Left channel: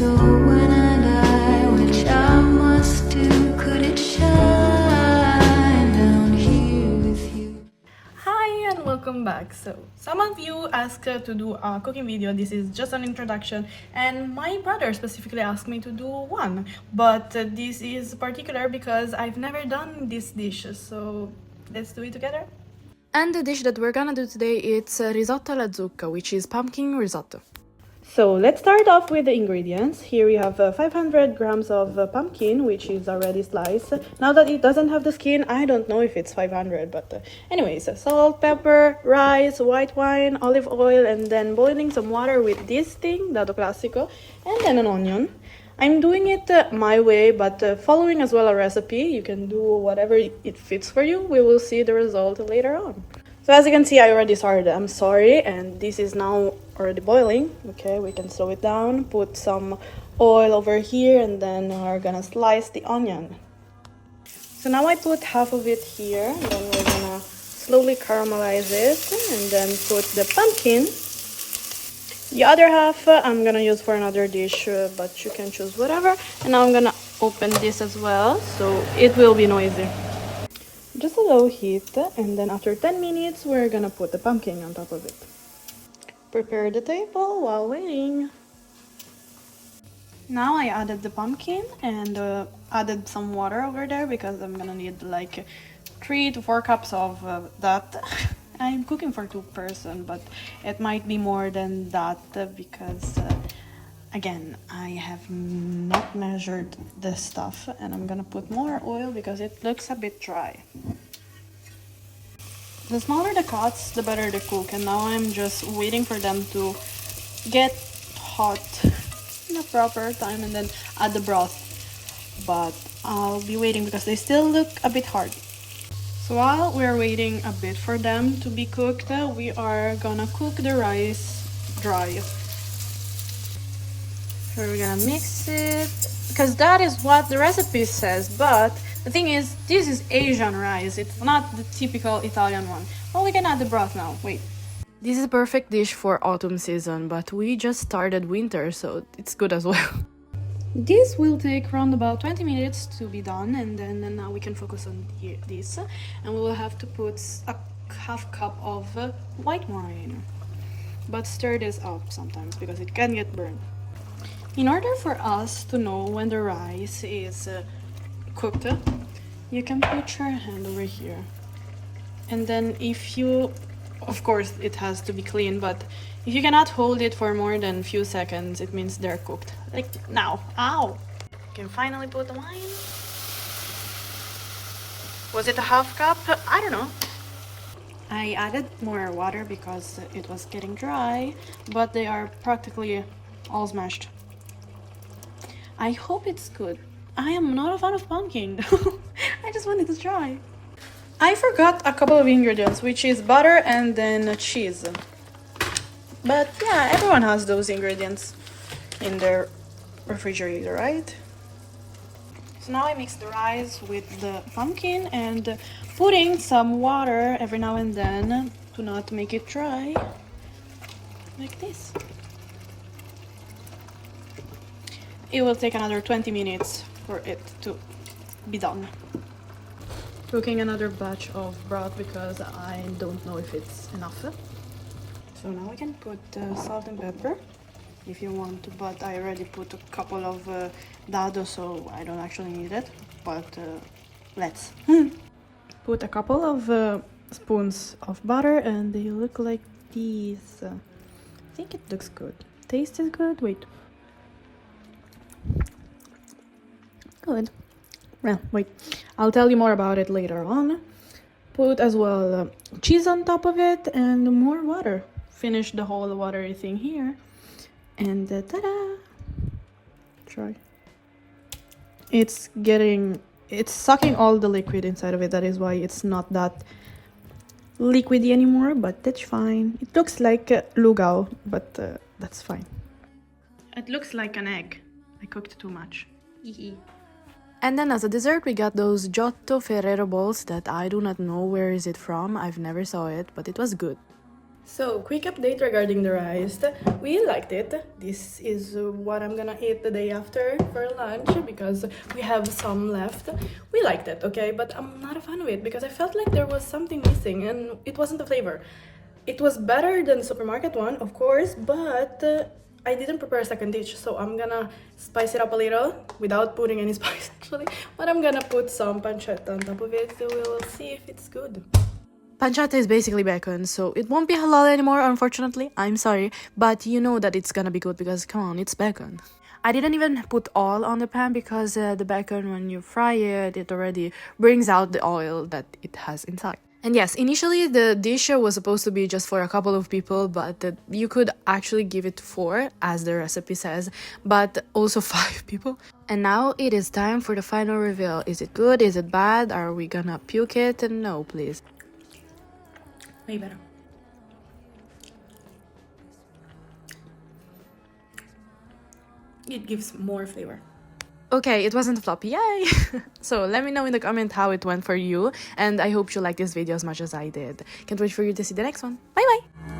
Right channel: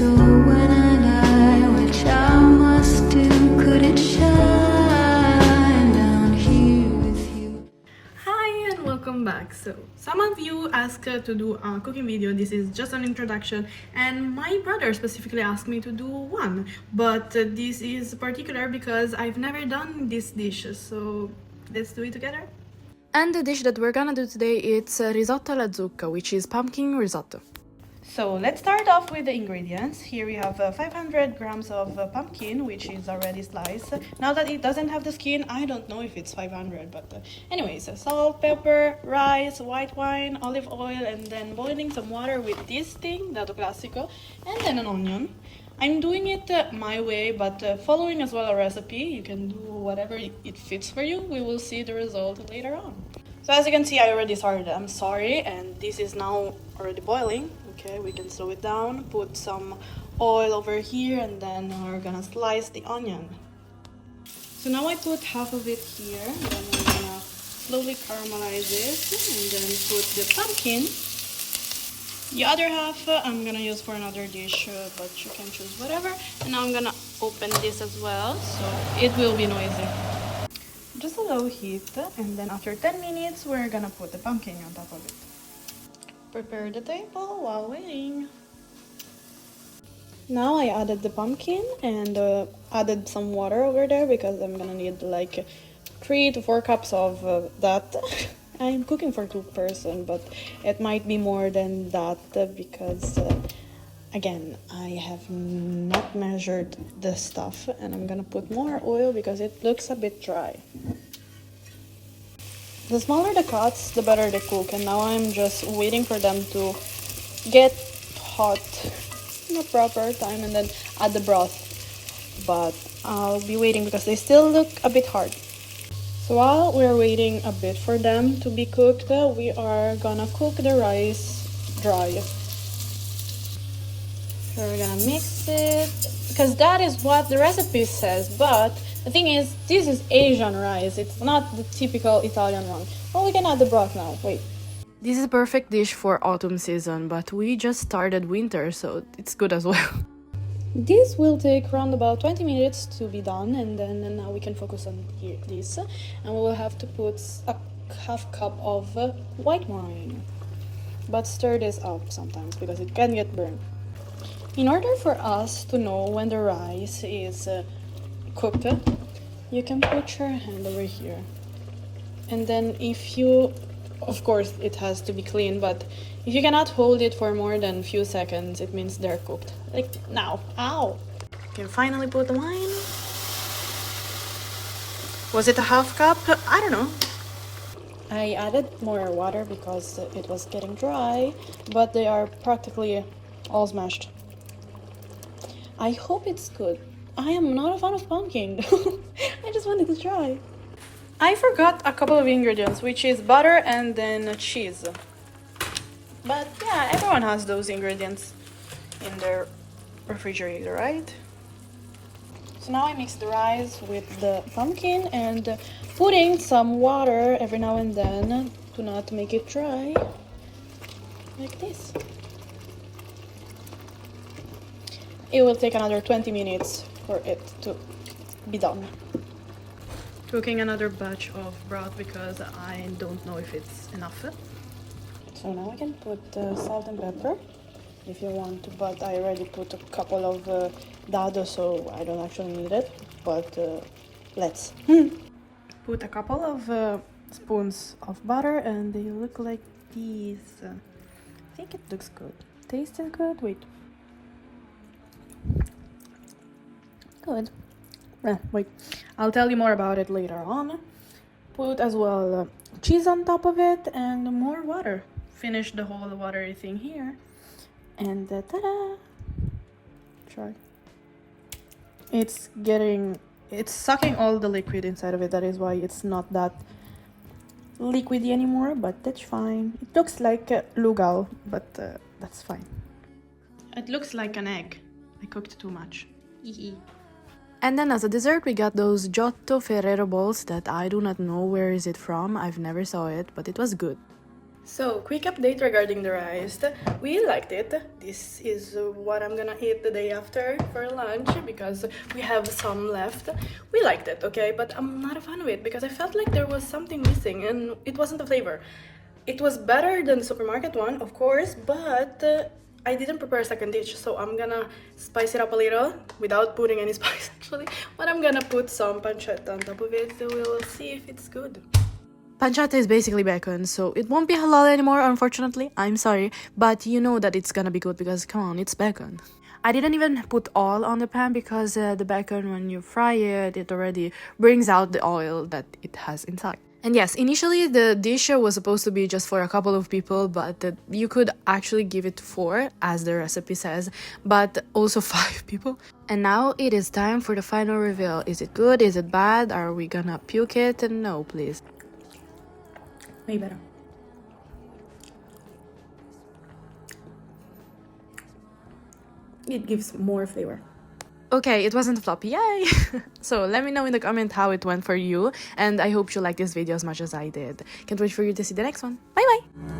So when I die, which I must do, could it shine down here with you? Hi and welcome back. So some of you asked to do a cooking video. This is just an introduction, and my brother specifically asked me to do one, but this is particular because I've never done this dish, so let's do it together. And the dish that we're gonna do today is risotto alla zucca, which is pumpkin risotto. So let's start off with the ingredients. Here we have 500 grams of pumpkin, which is already sliced. Now that it doesn't have the skin, I don't know if it's 500, but anyways, salt, pepper, rice, white wine, olive oil, and then boiling some water with this thing, dato classico, and then an onion. I'm doing it my way, but following as well a recipe. You can do whatever it fits for you. We will see the result later on. So as you can see, I already started. I'm sorry, and this is now already boiling. Okay, we can slow it down, put some oil over here, and then we're gonna slice the onion. So now I put half of it here, and then we're gonna slowly caramelize it, and then put the pumpkin. The other half I'm gonna use for another dish, but you can choose whatever. And now I'm gonna open this as well, so it will be noisy. Just a low heat, and then after 10 minutes we're gonna put the pumpkin on top of it. Prepare the table while waiting. Now I added the pumpkin and added some water over there because I'm gonna need like 3 to 4 cups of that. I'm cooking for 2 person, but it might be more than that because again, I have not measured the stuff, and I'm gonna put more oil because it looks a bit dry. The smaller the cuts, the better they cook, and now I'm just waiting for them to get hot in the proper time and then add the broth. But I'll be waiting because they still look a bit hard. So while we're waiting a bit for them to be cooked, we are gonna cook the rice dry. So we're gonna mix it, because that is what the recipe says, but the thing is, this is Asian rice, it's not the typical Italian one. Well, we can add the broth now, wait. This is a perfect dish for autumn season, but we just started winter, so it's good as well. This will take around about 20 minutes to be done, and then now we can focus on this, and we will have to put a half cup of white wine. But stir this up sometimes because it can get burned. In order for us to know when the rice is cooked, you can put your hand over here. And then if you, of course it has to be clean, but if you cannot hold it for more than a few seconds, it means they're cooked. Like now. Ow! You can finally put the wine. Was it a half cup? I don't know. I added more water because it was getting dry, but they are practically all smashed. I hope it's good. I am not a fan of pumpkin. I just wanted to try. I forgot a couple of ingredients, which is butter and then cheese. But yeah, everyone has those ingredients in their refrigerator, right? So now I mix the rice with the pumpkin and putting some water every now and then to not make it dry, like this. It will take another 20 minutes for it to be done. Cooking another batch of broth because I don't know if it's enough. So now I can put salt and pepper if you want to, but I already put a couple of dado, so I don't actually need it. But let's put a couple of spoons of butter, and they look like these. I think it looks good. Taste is good. Wait. Good. Well, wait. I'll tell you more about it later on. Put as well cheese on top of it and more water. Finish the whole watery thing here. And ta-da! Try. It's sucking all the liquid inside of it. That is why it's not that liquidy anymore, but that's fine. It looks like lugal, but that's fine. It looks like an egg. I cooked too much. And then as a dessert we got those Giotto Ferrero balls that I do not know where is it from. I've never saw it, but it was good. So, quick update regarding the rice. We liked it. This is what I'm gonna eat the day after for lunch because we have some left. We liked it, okay? But I'm not a fan of it because I felt like there was something missing and it wasn't the flavor. It was better than the supermarket one, of course, but I didn't prepare a second dish, so I'm gonna spice it up a little without putting any spice actually. But I'm gonna put some pancetta on top of it, so we'll see if it's good. Pancetta is basically bacon, so it won't be halal anymore, unfortunately. I'm sorry, but you know that it's gonna be good because, come on, it's bacon. I didn't even put oil on the pan because the bacon, when you fry it, it already brings out the oil that it has inside. And yes, initially the dish was supposed to be just for a couple of people, but you could actually give it to 4, as the recipe says, but also 5 people. And now it is time for the final reveal. Is it good? Is it bad? Are we gonna puke it? No, please. Way better. It gives more flavor. Okay, it wasn't a flop, yay! So let me know in the comment how it went for you, and I hope you liked this video as much as I did. Can't wait for you to see the next one. Bye bye!